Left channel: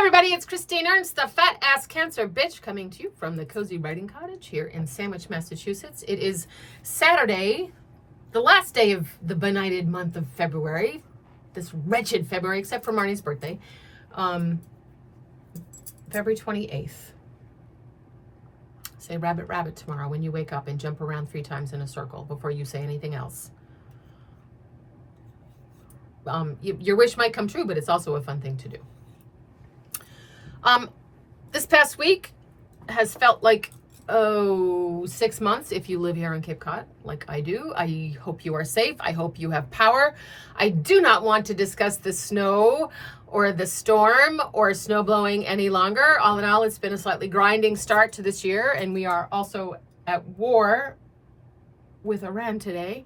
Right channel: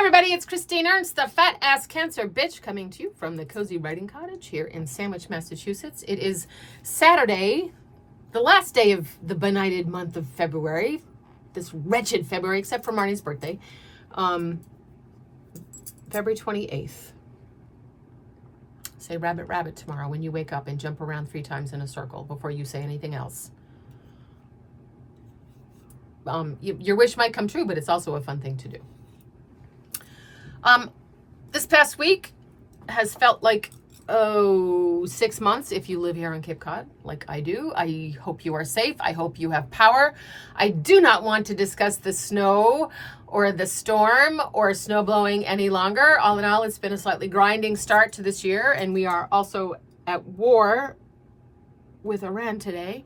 everybody, it's Christine Ernst, the Fat Ass Cancer Bitch, coming to you from the Cozy Writing Cottage here in Sandwich, Massachusetts. It is Saturday, the last day of the benighted month of February, this wretched February, except for Marnie's birthday, February 28th. Say rabbit, rabbit tomorrow when you wake up and jump around 3 times in a circle before you say anything else. Your wish might come true, but it's also a fun thing to do. This past week has felt like, 6 months if you live here in Cape Cod, like I do. I hope you are safe. I hope you have power. I do not want to discuss the snow or the storm or snow blowing any longer. All in all, it's been a slightly grinding start to this year, and we are also at war with Iran today.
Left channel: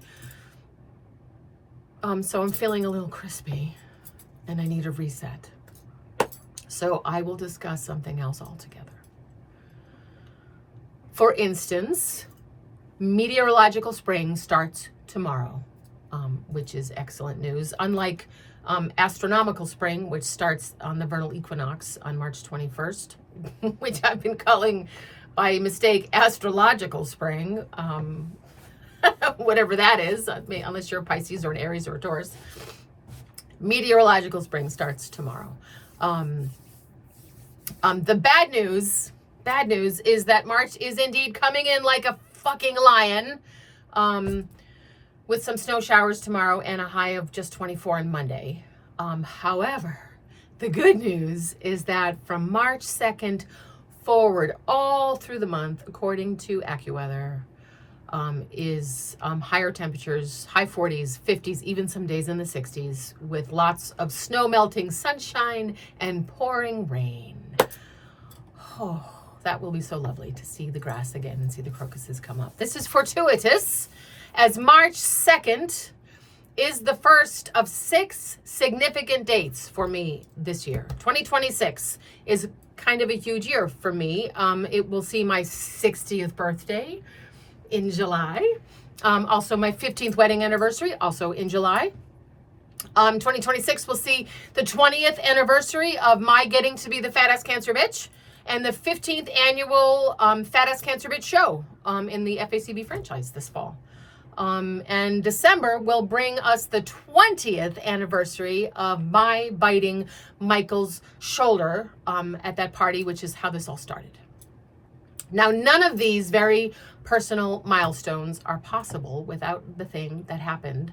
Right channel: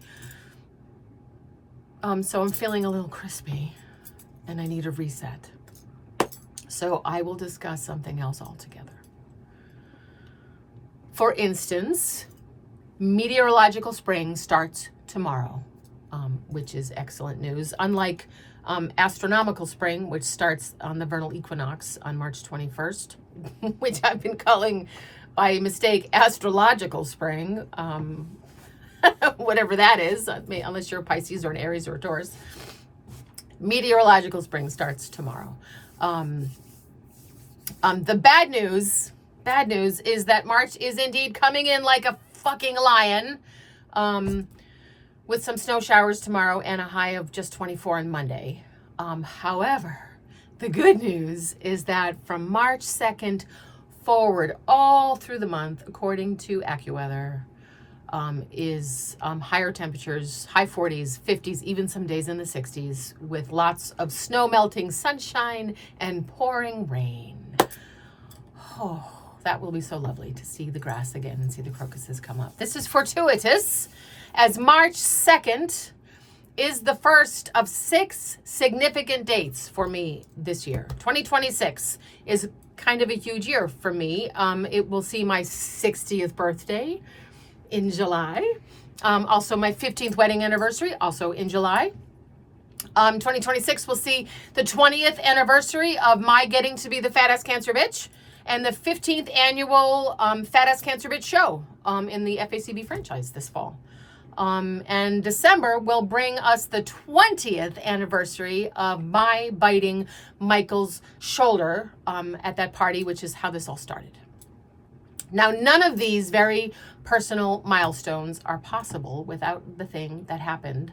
So I'm feeling a little crispy, and I need a reset. So I will discuss something else altogether. For instance, meteorological spring starts tomorrow, which is excellent news. Unlike astronomical spring, which starts on the vernal equinox on March 21st, which I've been calling by mistake astrological spring, whatever that is, unless you're a Pisces or an Aries or a Taurus. Meteorological spring starts tomorrow. The bad news is that March is indeed coming in like a fucking lion, with some snow showers tomorrow and a high of just 24 on Monday. However, the good news is that from March 2nd forward, all through the month, according to AccuWeather, is higher temperatures, high 40s, 50s, even some days in the 60s, with lots of snow melting, sunshine, and pouring rain. Oh, that will be so lovely to see the grass again and see the crocuses come up. This is fortuitous, as March 2nd is the first of 6 significant dates for me this year. 2026 is kind of a huge year for me. It will see my 60th birthday in July. Also my 15th wedding anniversary, also in July. 2026 will see the 20th anniversary of my getting to be the Fat Ass Cancer Bitch, and the 15th annual Fat Ass Cancer Bitch show in the FACB franchise this fall. And December will bring us the 20th anniversary of my biting Michael's shoulder at that party, which is how this all started. Now, none of these very personal milestones are possible without the thing that happened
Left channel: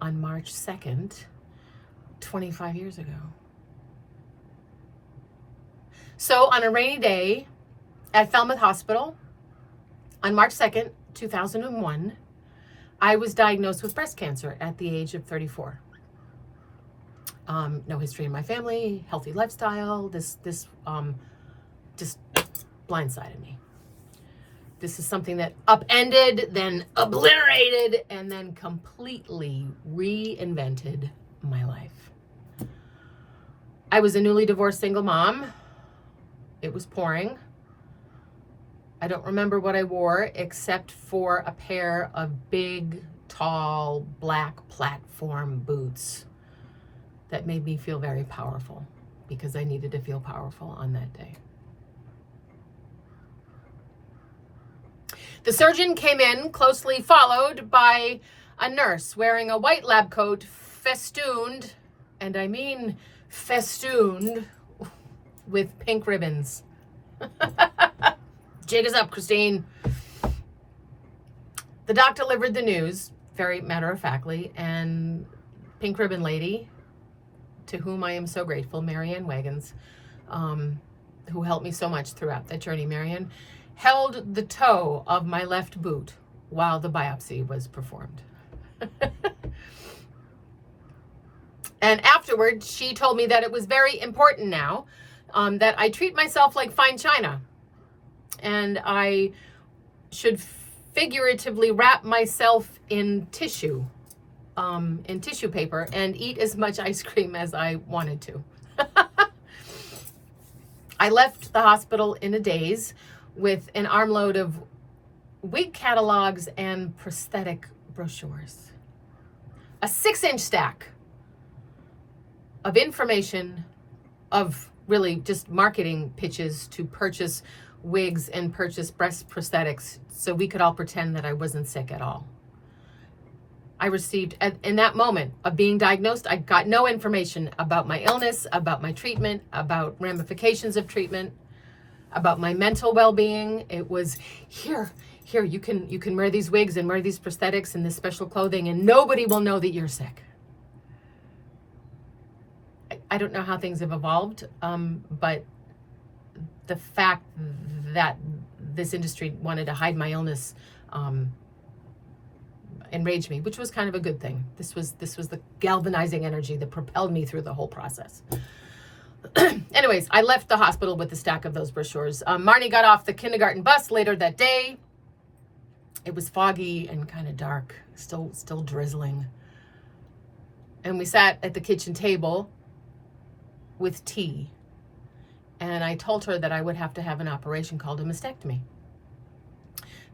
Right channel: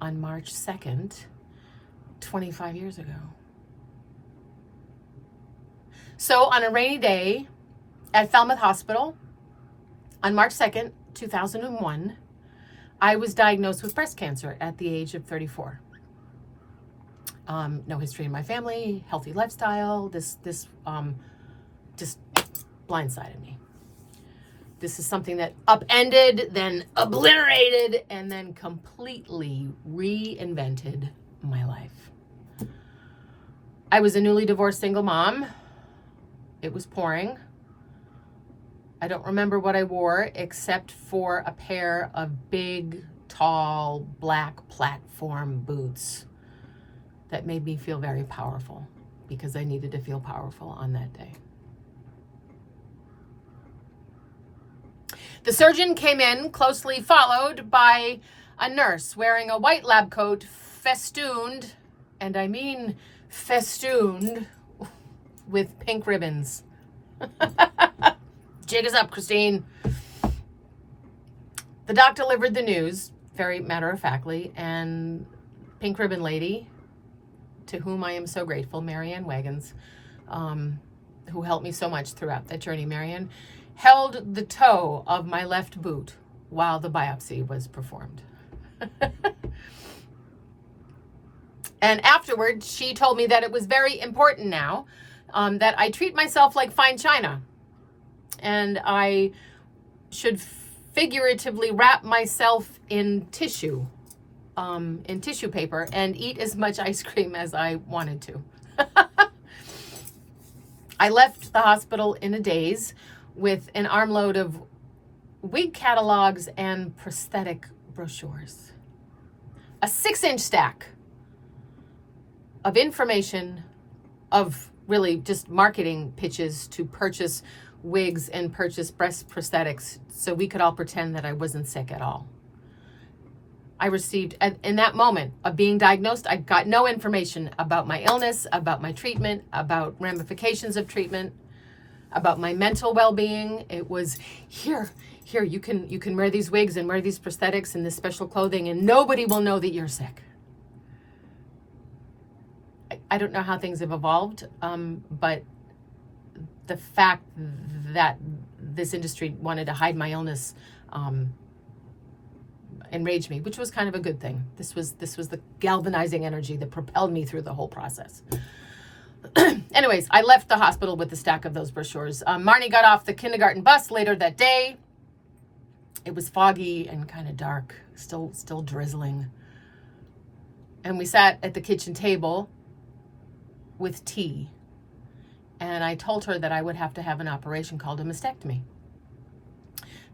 on March 2nd, 25 years ago. So on a rainy day at Falmouth Hospital on March 2nd, 2001, I was diagnosed with breast cancer at the age of 34. No history in my family, healthy lifestyle. This just blindsided me. This is something that upended, then obliterated, and then completely reinvented my life. I was a newly divorced single mom. It was pouring. I don't remember what I wore except for a pair of big, tall, black platform boots that made me feel very powerful because I needed to feel powerful on that day. The surgeon came in, closely followed by a nurse wearing a white lab coat festooned, and I mean festooned, with pink ribbons. Jig is up, Christine. The doc delivered the news, very matter-of-factly, and pink ribbon lady, to whom I am so grateful, Marianne Wagons, who helped me so much throughout that journey, Marianne, held the toe of my left boot while the biopsy was performed. And afterwards, she told me that it was very important now that I treat myself like fine china, and I should figuratively wrap myself in tissue paper, and eat as much ice cream as I wanted to. I left the hospital in a daze with an armload of wig catalogs and prosthetic brochures. A 6-inch stack of information, of really just marketing pitches to purchase wigs and purchase breast prosthetics so we could all pretend that I wasn't sick at all. I received, in that moment of being diagnosed, I got no information about my illness, about my treatment, about ramifications of treatment, about my mental well-being. It was, here, you can wear these wigs and wear these prosthetics and this special clothing, and nobody will know that you're sick. I don't know how things have evolved, but the fact that this industry wanted to hide my illness enraged me, which was kind of a good thing. This was the galvanizing energy that propelled me through the whole process. Anyways, I left the hospital with a stack of those brochures. Marnie got off the kindergarten bus later that day. It was foggy and kind of dark, still drizzling. And we sat at the kitchen table with tea. And I told her that I would have to have an operation called a mastectomy.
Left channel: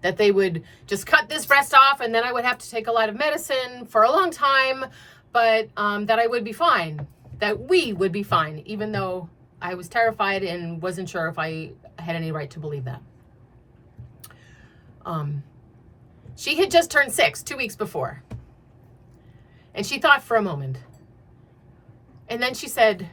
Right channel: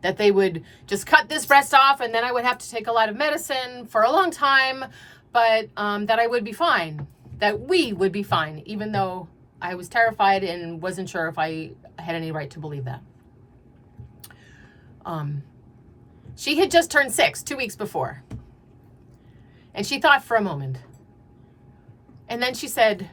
That they would just cut this breast off, and then I would have to take a lot of medicine for a long time, but that I would be fine, that we would be fine, even though I was terrified and wasn't sure if I had any right to believe that. She had just turned 6 2 weeks before, and she thought for a moment, and then she said,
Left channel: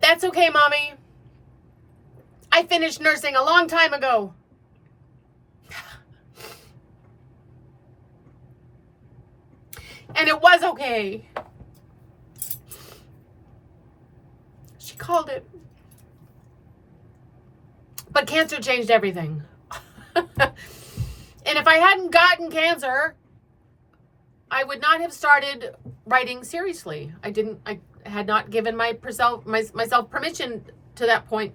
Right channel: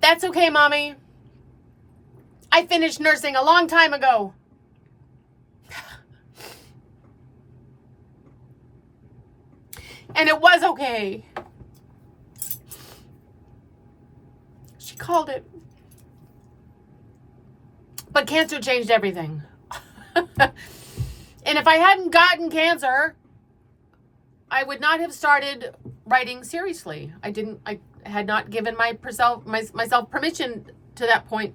"That's okay, Mommy. I finished nursing a long time ago." And it was okay. She called it. But cancer changed everything. And if I hadn't gotten cancer, I would not have started writing seriously. I had not given myself permission to that point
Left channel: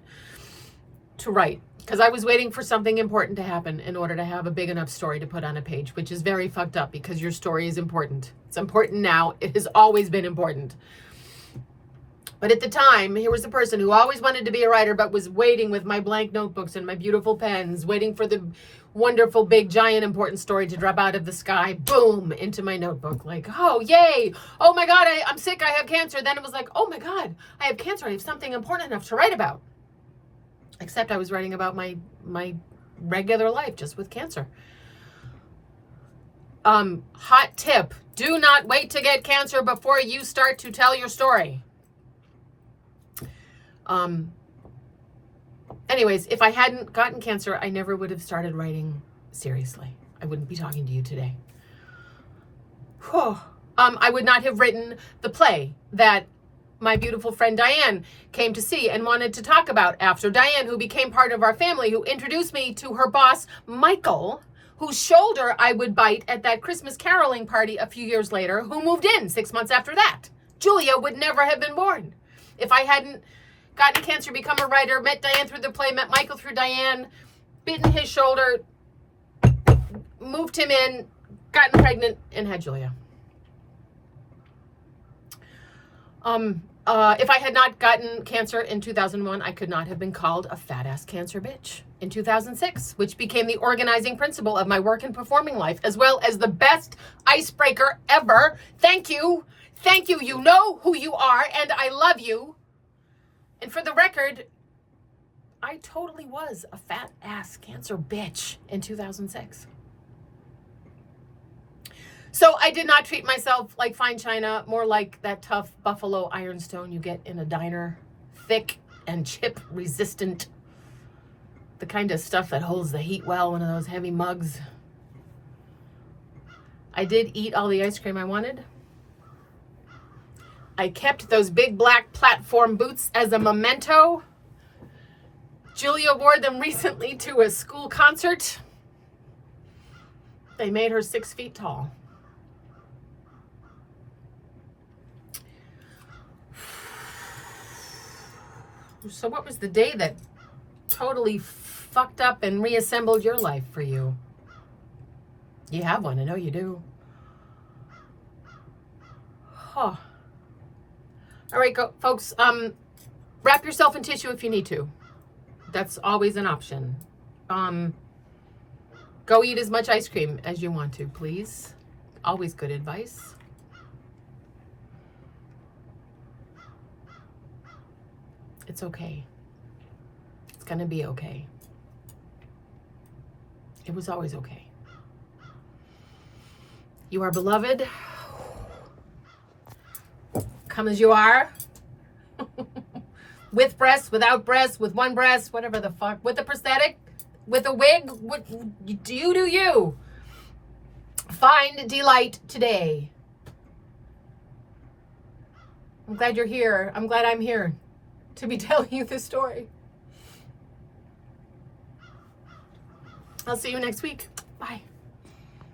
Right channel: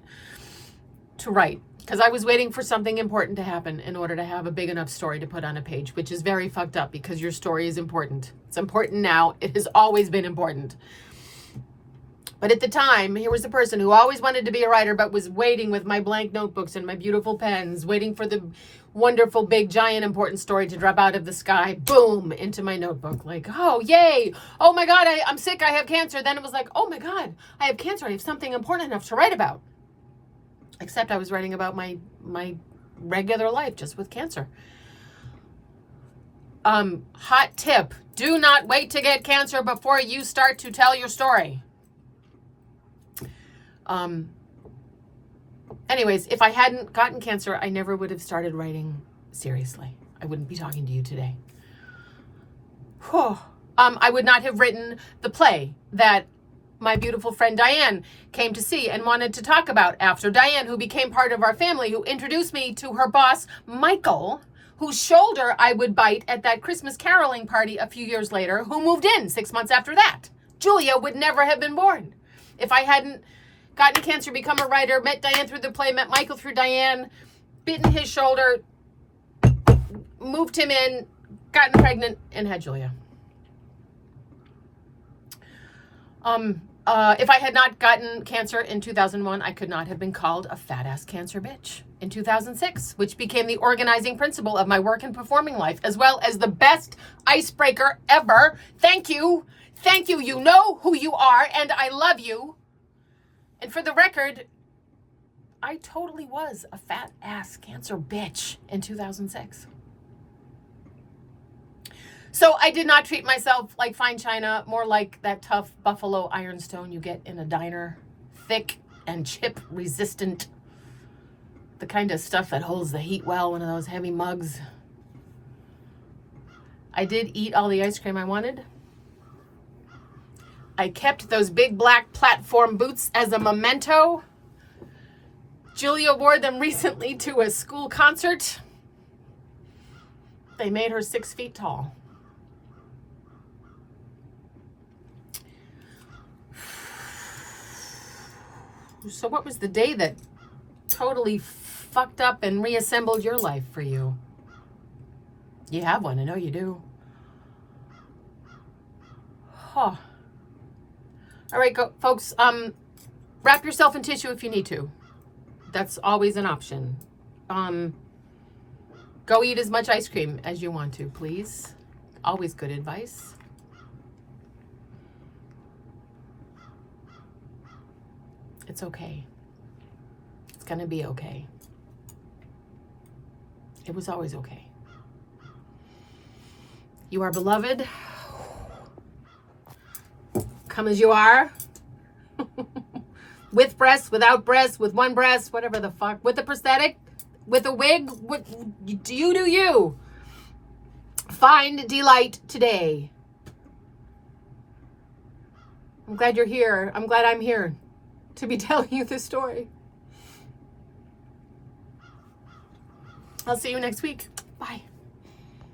to write, because I was waiting for something important to happen in order to have a big enough story to put on a page, which is very fucked up because your story is important. It's important now. It has always been important. But at the time, here was a person who always wanted to be a writer, but was waiting with my blank notebooks and my beautiful pens, waiting for the wonderful, big, giant, important story to drop out of the sky, boom, into my notebook. Like, oh, yay. Oh, my God, I'm sick. I have cancer. Then it was like, oh, my God, I have cancer. I have something important enough to write about. Except I was writing about my regular life just with cancer. Hot tip. Do not wait to get cancer before you start to tell your story. Anyways, if I hadn't gotten cancer, I never would have started writing seriously. I wouldn't be talking to you today. I would not have written the play that my beautiful friend Diane came to see and wanted to talk about after. Diane, who became part of our family, who introduced me to her boss, Michael, whose shoulder I would bite at that Christmas caroling party a few years later, who moved in 6 months after that. Julia would never have been born if I hadn't gotten cancer, become a writer, met Diane through the play, met Michael through Diane, bitten his shoulder, moved him in, gotten pregnant, and had Julia. If I had not gotten cancer in 2001, I could not have been called a fat-ass cancer bitch in 2006, which became the organizing principle of my work and performing life, as well as the best icebreaker ever. Thank you. Thank you. You know who you are, and I love you. And for the record, I totally was a fat-ass cancer bitch in 2006. So I did not treat myself like fine china, more like that tough buffalo ironstone you get in a diner. Thick and chip resistant. The kind of stuff that holds the heat well, one of those heavy mugs. I did eat all the ice cream I wanted. I kept those big black platform boots as a memento. Julia wore them recently to a school concert. They made her 6 feet tall. So what was the day that totally fucked up and reassembled your life for you? You have one, I know you do. Huh. All right, folks, wrap yourself in tissue if you need to. That's always an option. Go eat as much ice cream as you want to, please. Always good advice. It's okay. It's gonna be okay. It was always okay. You are beloved. Come as you are. With breasts, without breasts, with one breast, whatever the fuck. With a prosthetic, with a wig. You do you. Find delight today. I'm glad you're here. I'm glad I'm here to be telling you this story. I'll see you next week. Bye.